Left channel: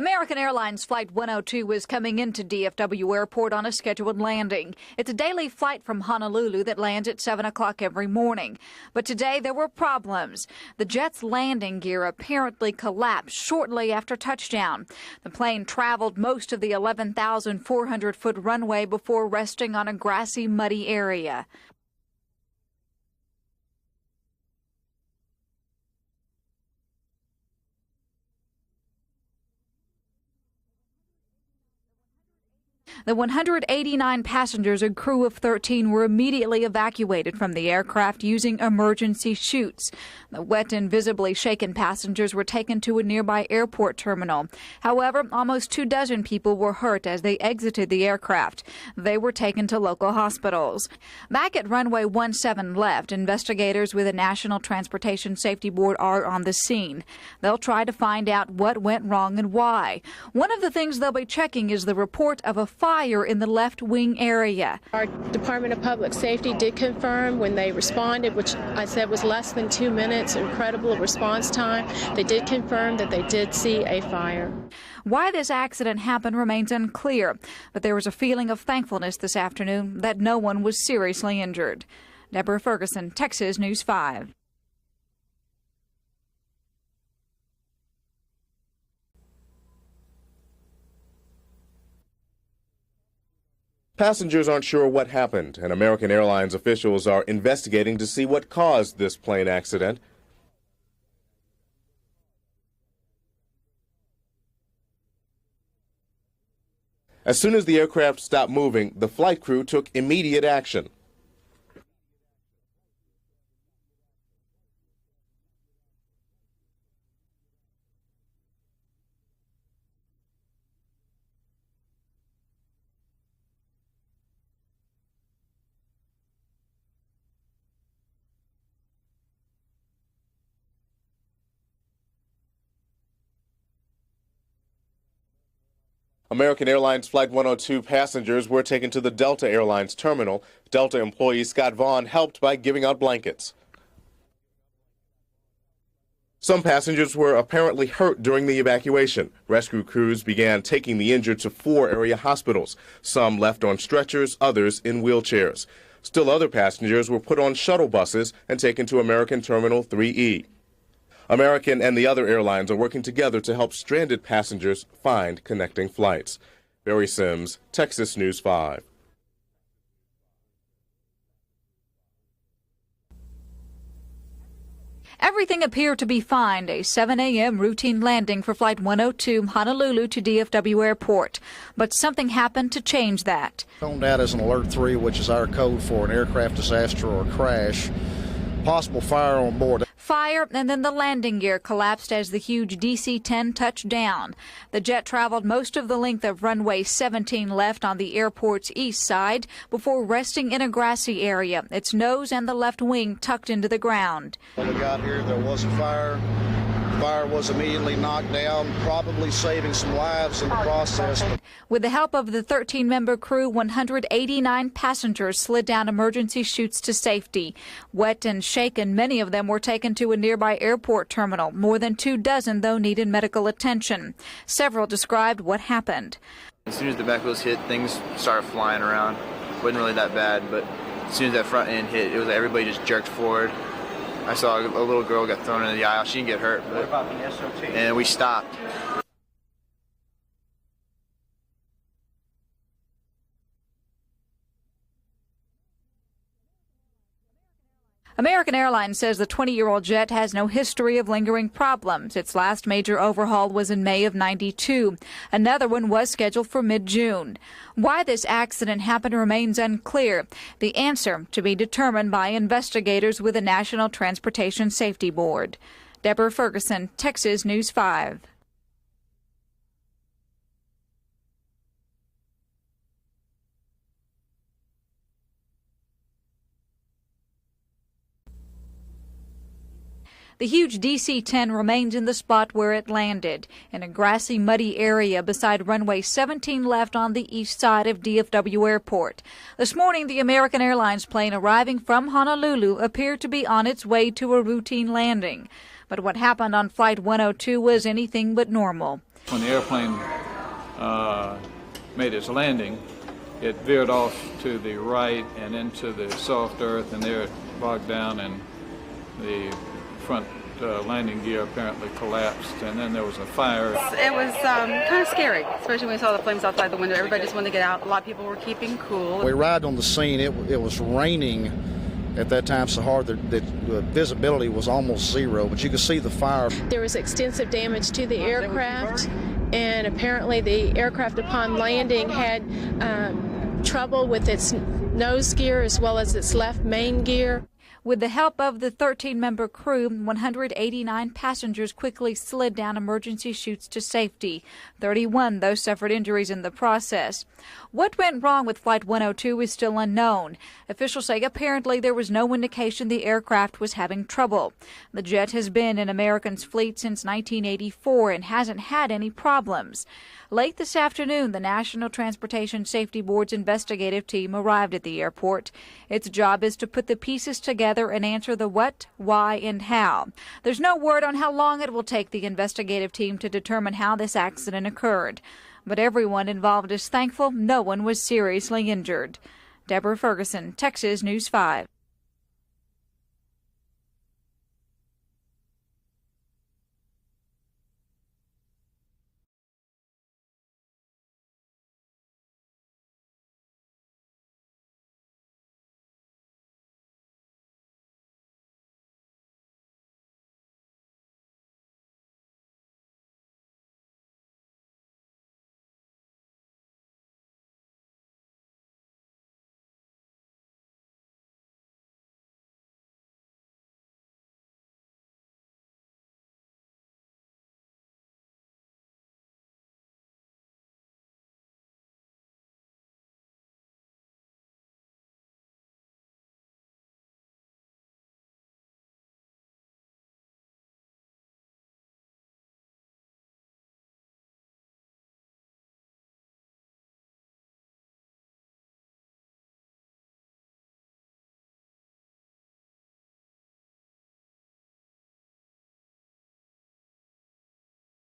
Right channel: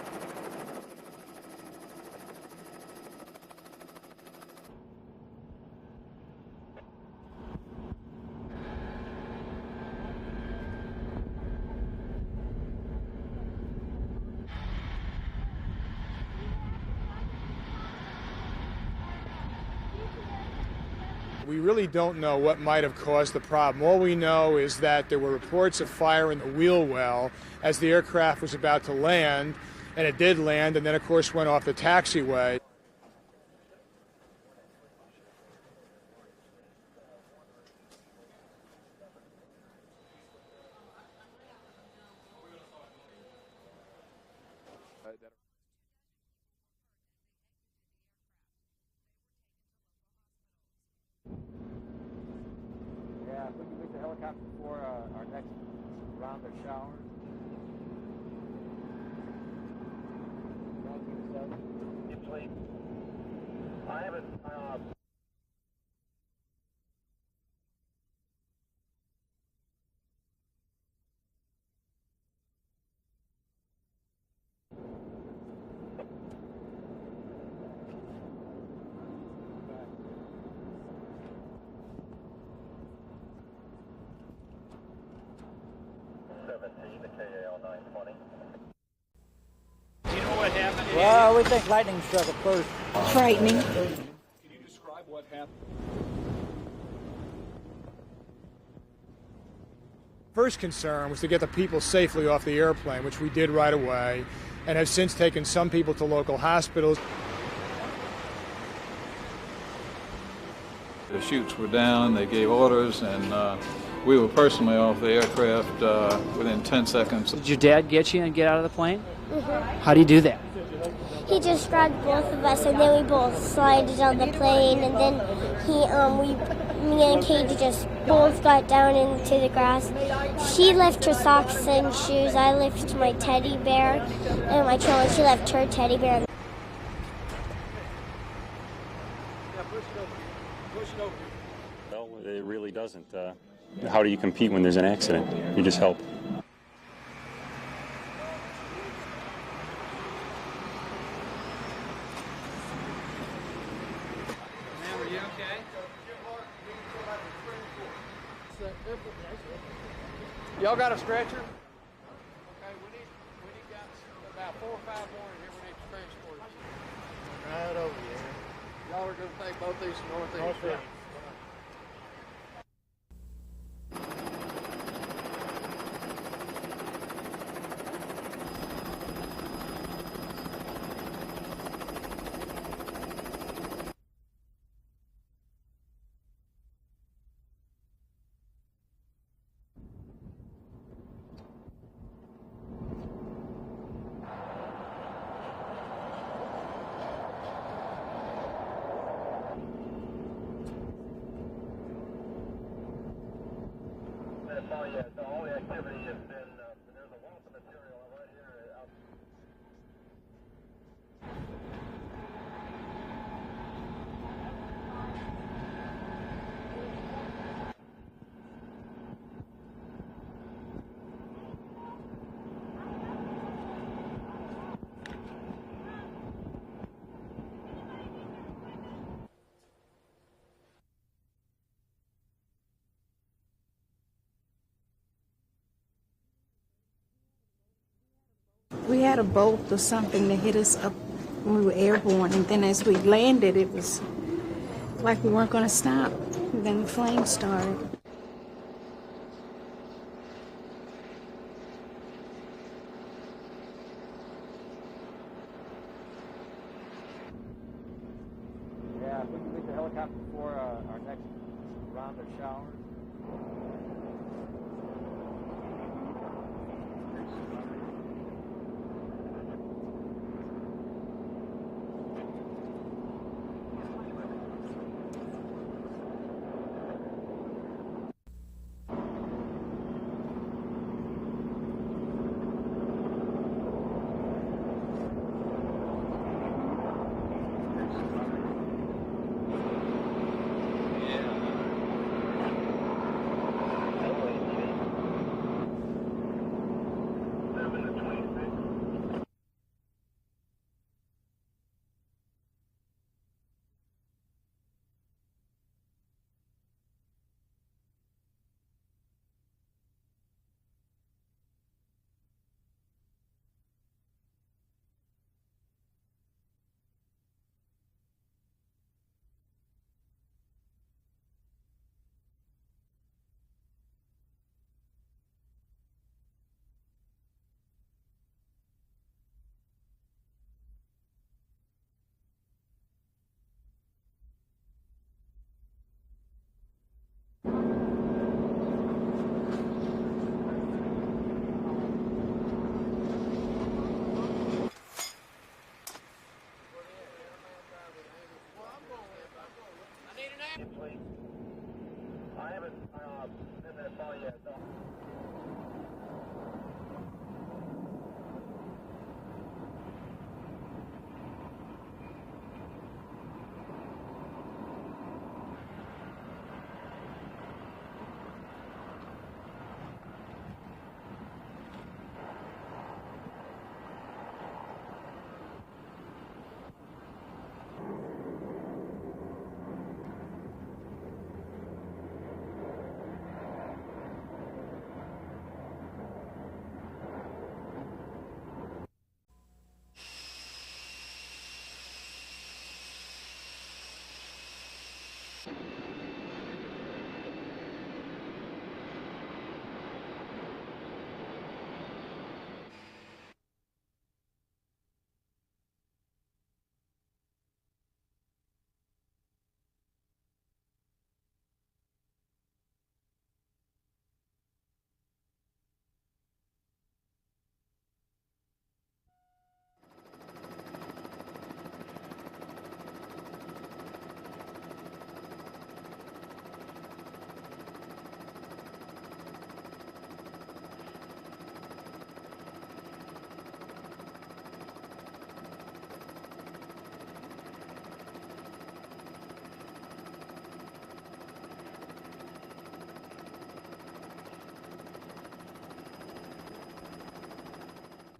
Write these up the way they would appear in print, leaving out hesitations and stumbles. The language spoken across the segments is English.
American Airlines Flight 102 was coming into DFW Airport on a scheduled landing. It's a daily flight from Honolulu that lands at 7 o'clock every morning. But today there were problems. The jet's landing gear apparently collapsed shortly after touchdown. The plane traveled most of the 11,400-foot runway before resting on a grassy, muddy area. We really don't know what might have caused the problem. All we know is that there were reports of fire in the wheel well as the aircraft was about to land. And it did land, and then, of course, went off the taxiway. The 189 passengers and crew of 13 were immediately evacuated from the aircraft using emergency chutes. The wet and visibly shaken passengers were taken to a nearby airport terminal. However, almost 24 people were hurt as they exited the aircraft. They were taken to local hospitals. Back at runway 17 left, investigators with the National Transportation Safety Board are on the scene. They'll try to find out what went wrong and why. One of the things they'll be checking is the report of a fire in the left wing area. Our Department of Public Safety did confirm when they responded, which I said was less than 2 minutes, incredible response time. They did confirm that they did see a fire. Why this accident happened remains unclear, but there was a feeling of thankfulness this afternoon that no one was seriously injured. Deborah Ferguson, Texas News 5. Well, we think lightning struck at first. Frightening. Passengers aren't sure what happened, and American Airlines officials are investigating to see what caused this plane accident. First concern was to get the people safely off the airplane, which we did right away, and have since taken some people to local hospitals. As soon as the aircraft stopped moving, the flight crew took immediate action. The chutes were down, they gave orders, and we were personally off the aircraft within 10 seconds. Did your dad get you and get out of the plane? Mm-hmm. How do you do that? He just grabbed both of us, and then we both slided on the plane, and then me and Katie just both got down into the grass. She left her socks and shoes. I left my teddy bear and my trolley. She left her teddy bear. American Airlines Flight 102 passengers were taken to the Delta Airlines terminal. Delta employee Scott Vaughn helped by giving out blankets. How do you compete when there's an accident? You just help. Some passengers were apparently hurt during the evacuation. Rescue crews began taking the injured to 4 area hospitals. Some left on stretchers, others in wheelchairs. Still other passengers were put on shuttle buses and taken to American Terminal 3E. American and the other airlines are working together to help stranded passengers find connecting flights. Barry Sims, Texas News 5. Everything appeared to be fine. A 7 a.m. routine landing for Flight 102 Honolulu to DFW Airport. But something happened to change that. Phoned out as an Alert 3, which is our code for an aircraft disaster or crash. Possible fire on board. Fire, and then the landing gear collapsed as the huge DC-10 touched down. The jet traveled most of the length of runway 17 left on the airport's east side before resting in a grassy area, its nose and the left wing tucked into the ground. When we got here, there was a fire. The fire was immediately knocked down, probably saving some lives in the process. With the help of the 13-member crew, 189 passengers slid down emergency chutes to safety. Wet and shaken, many of them were taken to a nearby airport terminal. More than 24, though, needed medical attention. Several described what happened. As soon as the back wheels hit, things started flying around. It wasn't really that bad, but as soon as that front end hit, it was like everybody just jerked forward. I saw a little girl got thrown into the aisle. She didn't get hurt, and we stopped. We had a bolt or something that hit us up when we were airborne, and then as we landed, it was like we weren't going to stop. And then the flames started. American Airlines says the 20-year-old jet has no history of lingering problems. Its last major overhaul was in May of '92. Another one was scheduled for mid-June. Why this accident happened remains unclear. The answer to be determined by investigators with the National Transportation Safety Board. Deborah Ferguson, Texas News 5. The huge DC-10 remains in the spot where it landed, in a grassy, muddy area beside runway 17 left on the east side of DFW Airport. This morning, the American Airlines plane arriving from Honolulu appeared to be on its way to a routine landing. But what happened on Flight 102 was anything but normal. When the airplane made its landing, it veered off to the right and into the soft earth, and there it bogged down, and the front landing gear apparently collapsed, and then there was a fire. It was kind of scary, especially when we saw the flames outside the window. Everybody just wanted to get out. A lot of people were keeping cool. We arrived on the scene. It was raining at that time so hard that the visibility was almost zero, but you could see the fire. There was extensive damage to the aircraft, and apparently the aircraft upon landing had trouble with its nose gear as well as its left main gear. With the help of the 13-member crew, 189 passengers quickly slid down emergency chutes to safety. 31, though, suffered injuries in the process. What went wrong with Flight 102 is still unknown. Officials say apparently there was no indication the aircraft was having trouble. The jet has been in American's fleet since 1984 and hasn't had any problems. Late this afternoon, the National Transportation Safety Board's investigative team arrived at the airport. Its job is to put the pieces together and answer the what, why, and how. There's no word on how long it will take the investigative team to determine how this accident occurred. But everyone involved is thankful no one was seriously injured. Deborah Ferguson, Texas News 5.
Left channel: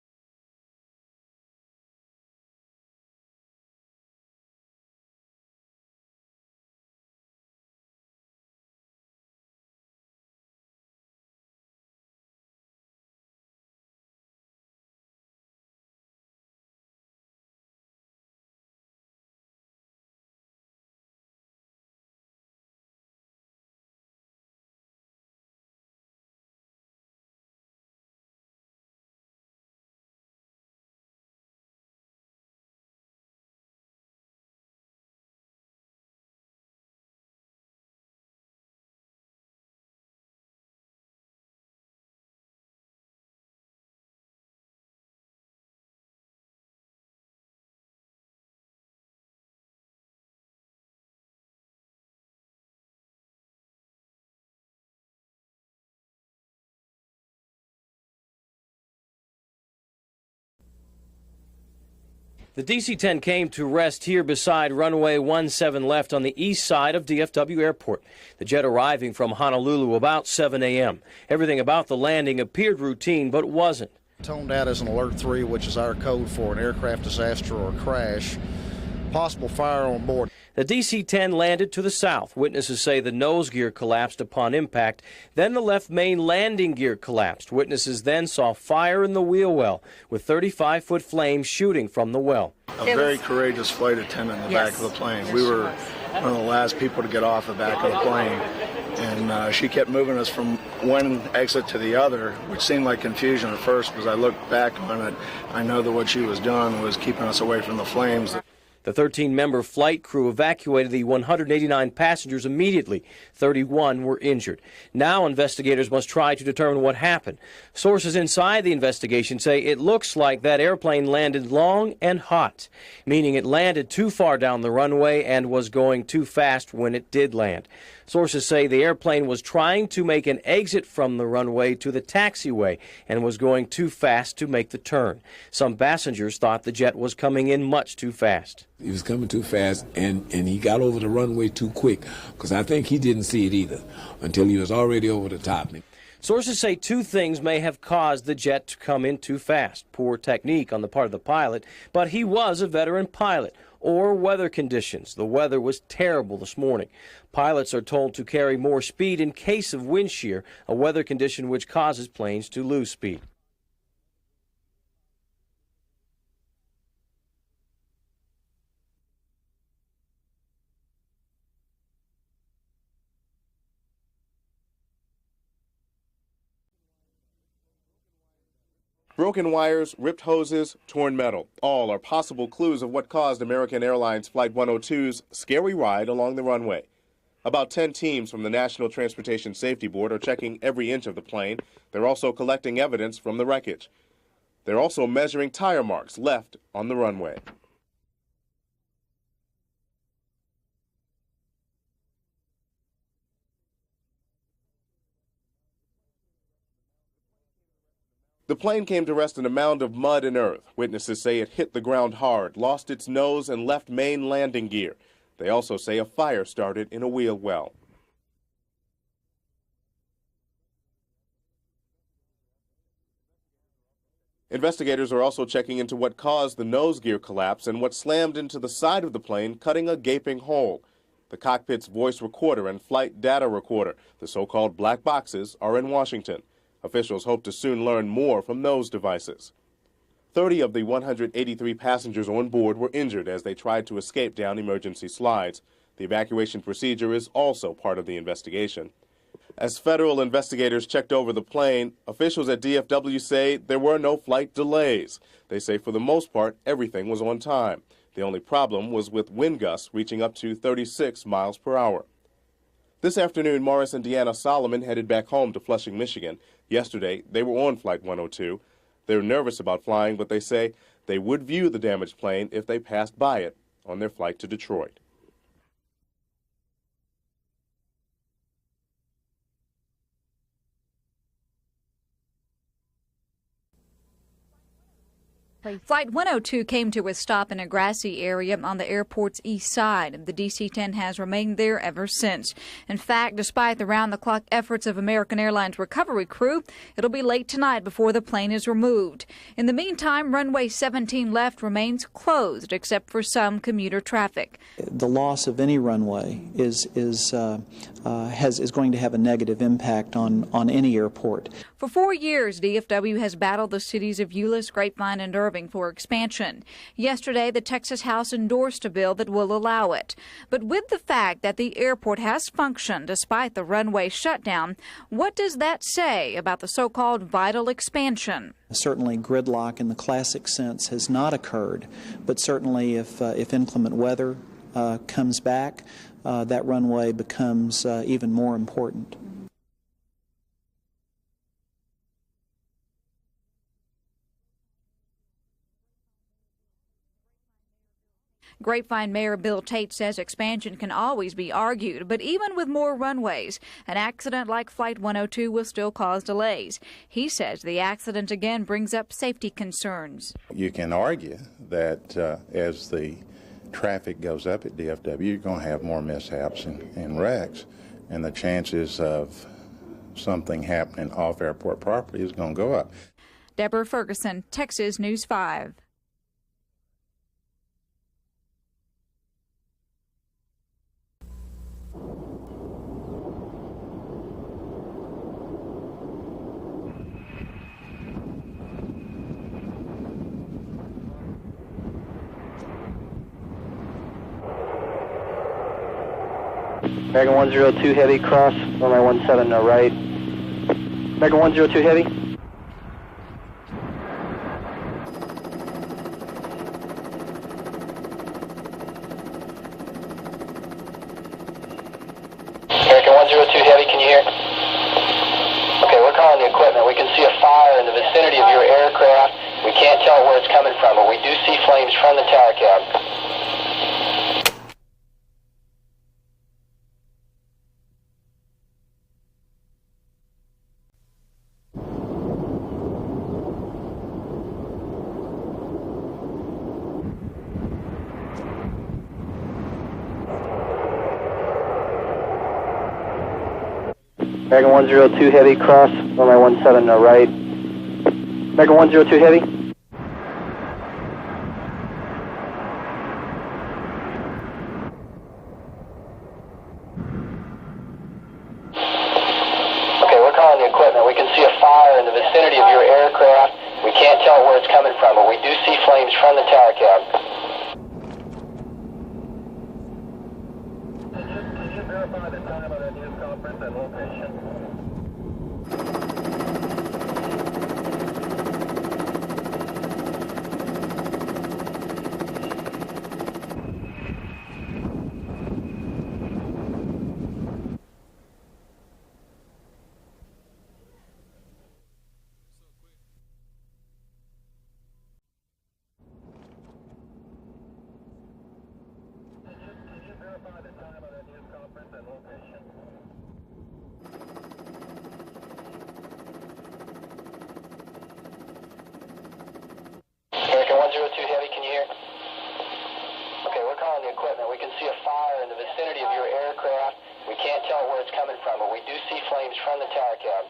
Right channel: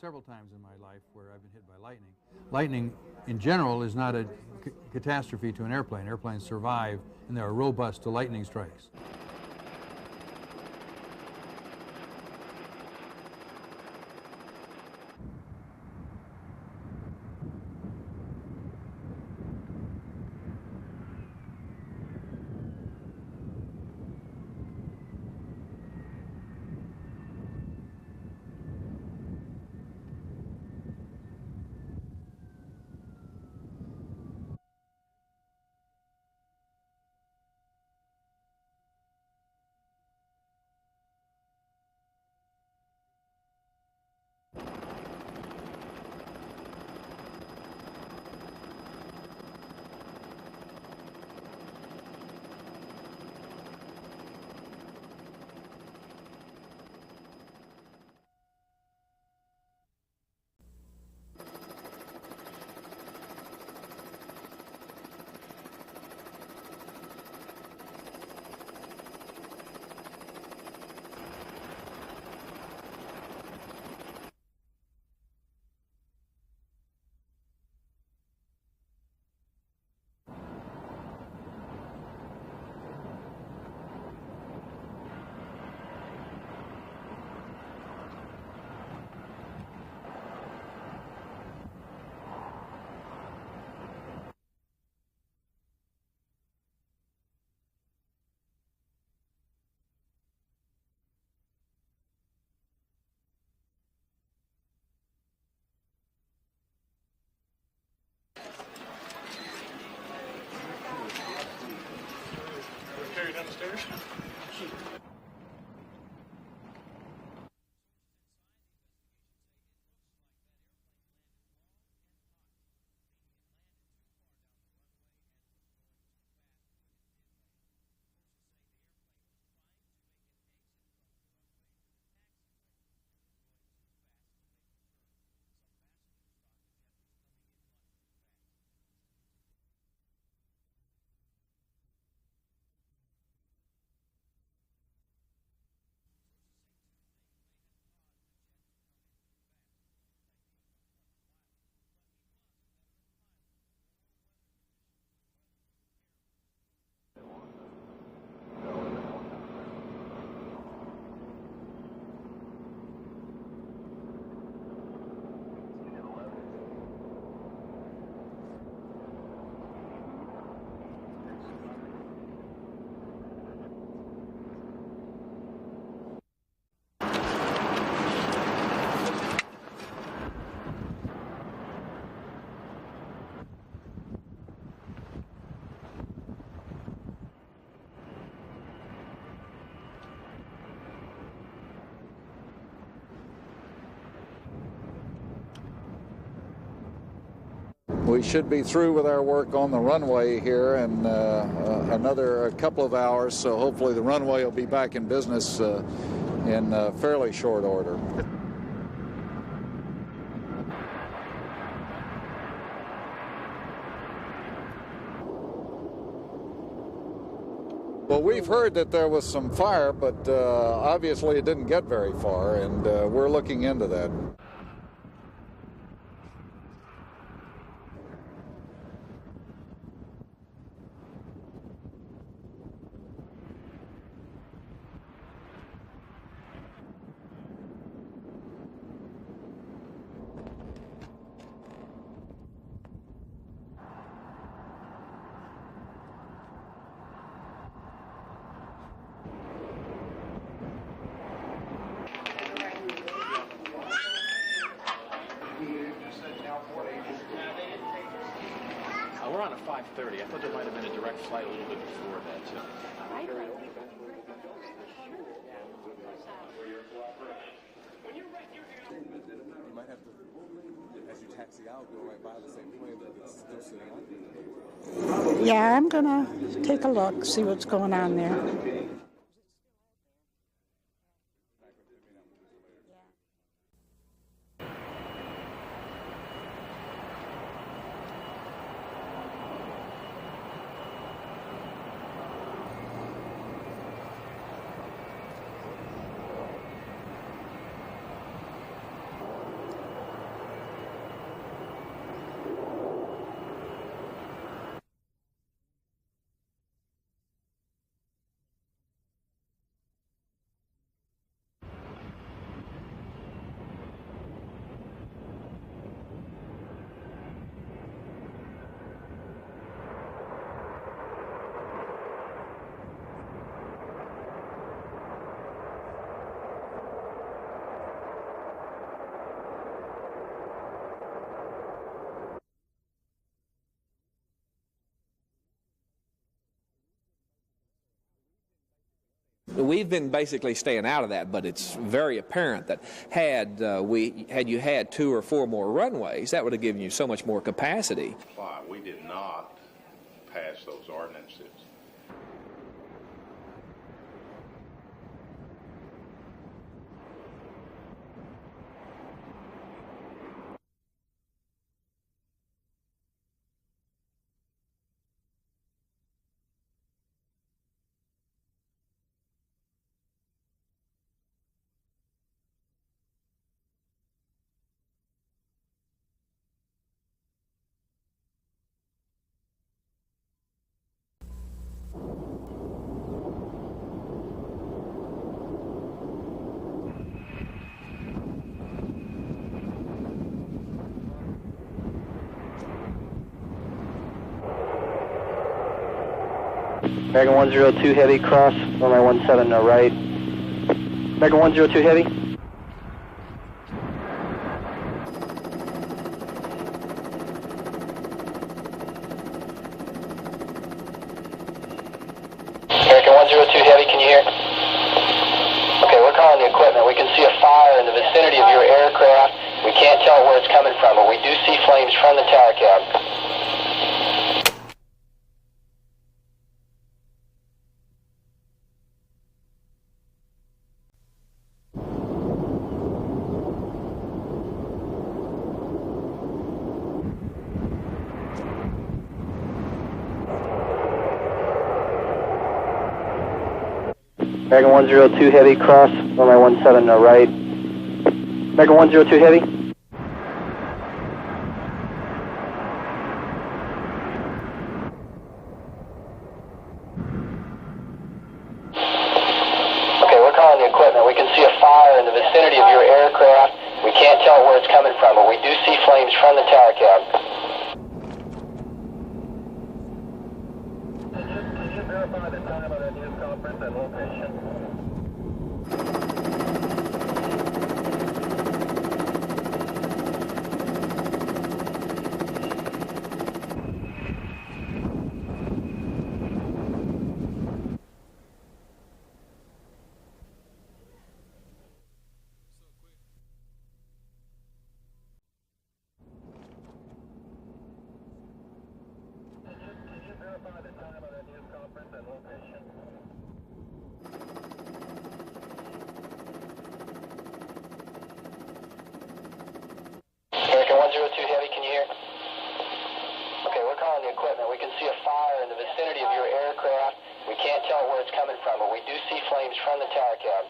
Several times in my life where I've been hit by lightning. Lightning, in general, is not a catastrophe to an airplane. Airplanes survive, and they are robust to lightning strikes. The DC-10 came to rest here beside runway 17 left on the east side of DFW Airport. The jet arriving from Honolulu about 7 a.m. Everything about the landing appeared routine, but wasn't. Toned out as an Alert 3, which is our code for an aircraft disaster or crash. Possible fire on board. The DC-10 landed to the south. Witnesses say the nose gear collapsed upon impact. Then the left main landing gear collapsed. Witnesses then saw fire in the wheel well, with 35-foot flames shooting from the well. A very courageous flight attendant in the back of the plane. We were one of the last people to get off the back of the plane. And she kept moving us from one exit to the other, which seemed like confusion at first. As I looked back on it, I know that what she was doing was keeping us away from the flames. The 13-member flight crew evacuated the 189 passengers immediately. 31 were injured. Now investigators must try to determine what happened. Sources inside the investigation say it looks like that airplane landed long and hot, meaning it landed too far down the runway and was going too fast when it did land. Sources say the airplane was trying to make an exit from the runway to the taxiway and was going too fast to make the turn. Some passengers thought the jet was coming in much too fast. He was coming too fast, and he got over the runway too quick, because I think he didn't see it either until he was already over the top. Sources say two things may have caused the jet to come in too fast. Poor technique on the part of the pilot, but he was a veteran pilot, or weather conditions. The weather was terrible this morning. Pilots are told to carry more speed in case of wind shear, a weather condition which causes planes to lose speed. Broken wires, ripped hoses, torn metal. All are possible clues of what caused American Airlines Flight 102's scary ride along the runway. About 10 teams from the National Transportation Safety Board are checking every inch of the plane. They're also collecting evidence from the wreckage. They're also measuring tire marks left on the runway. We should be through with our work on the runway here in another couple of hours, so hopefully the runway will be back in business in fairly short order. The plane came to rest in a mound of mud and earth. Witnesses say it hit the ground hard, lost its nose, and left main landing gear. They also say a fire started in a wheel well. Well, we've heard that there was some fire, but obviously it didn't get very far, and we're looking into that. Investigators are also checking into what caused the nose gear collapse and what slammed into the side of the plane, cutting a gaping hole. The cockpit's voice recorder and flight data recorder, the so-called black boxes, are in Washington. Officials hope to soon learn more from those devices. 30 of the 183 passengers on board were injured as they tried to escape down emergency slides. The evacuation procedure is also part of the investigation. As federal investigators checked over the plane, officials at DFW say there were no flight delays. They say for the most part, everything was on time. The only problem was with wind gusts reaching up to 36 miles per hour. This afternoon, Morris and Deanna Solomon headed back home to Flushing, Michigan. Yesterday, they were on Flight 102. They're nervous about flying, but they say they would view the damaged plane if they passed by it on their flight to Detroit. Yeah, I'm going to take a look, see what's going on there. Flight 102 came to a stop in a grassy area on the airport's east side. The DC-10 has remained there ever since. In fact, despite the round-the-clock efforts of American Airlines recovery crew, it'll be late tonight before the plane is removed. In the meantime, runway 17 left remains closed except for some commuter traffic. The loss of any runway is going to have a negative impact on any airport. For 4 years, DFW has battled the cities of Euless, Grapevine, and Irving for expansion. Yesterday, the Texas House endorsed a bill that will allow it. But with the fact that the airport has functioned despite the runway shutdown, what does that say about the so-called vital expansion? Certainly gridlock in the classic sense has not occurred, but certainly if inclement weather comes back, that runway becomes even more important. We've been basically staying out of that, but it's very apparent that had you had 2 or 4 more runways, that would have given you so much more capacity. Grapevine Mayor Bill Tate says expansion can always be argued, but even with more runways, an accident like Flight 102 will still cause delays. He says the accident again brings up safety concerns. You can argue that as the traffic goes up at DFW, you're going to have more mishaps and wrecks, and the chances of something happening off airport property is going to go up. Deborah Ferguson, Texas News 5. American 102 Heavy, cross, runway 17 right. American 102 Heavy. American 102 Heavy, can you hear? Okay, we're calling the equipment. We can see a fire in the vicinity of your aircraft. We can't tell where it's coming from, but we do see flames from the tower cab. American 102 Heavy, cross, runway 17 right. American 102 Heavy. Okay, we're calling the equipment. We can see a fire in the vicinity of your aircraft. We can't tell where it's coming from, but we do see flames from the tower cab. Can you verify the time of that news conference and location? American 102 Heavy, can you hear? Okay, we're calling the equipment. We can see a fire in the vicinity of your aircraft. We can't tell where it's coming from, but we do see flames from the tower cab.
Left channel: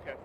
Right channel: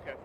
Okay.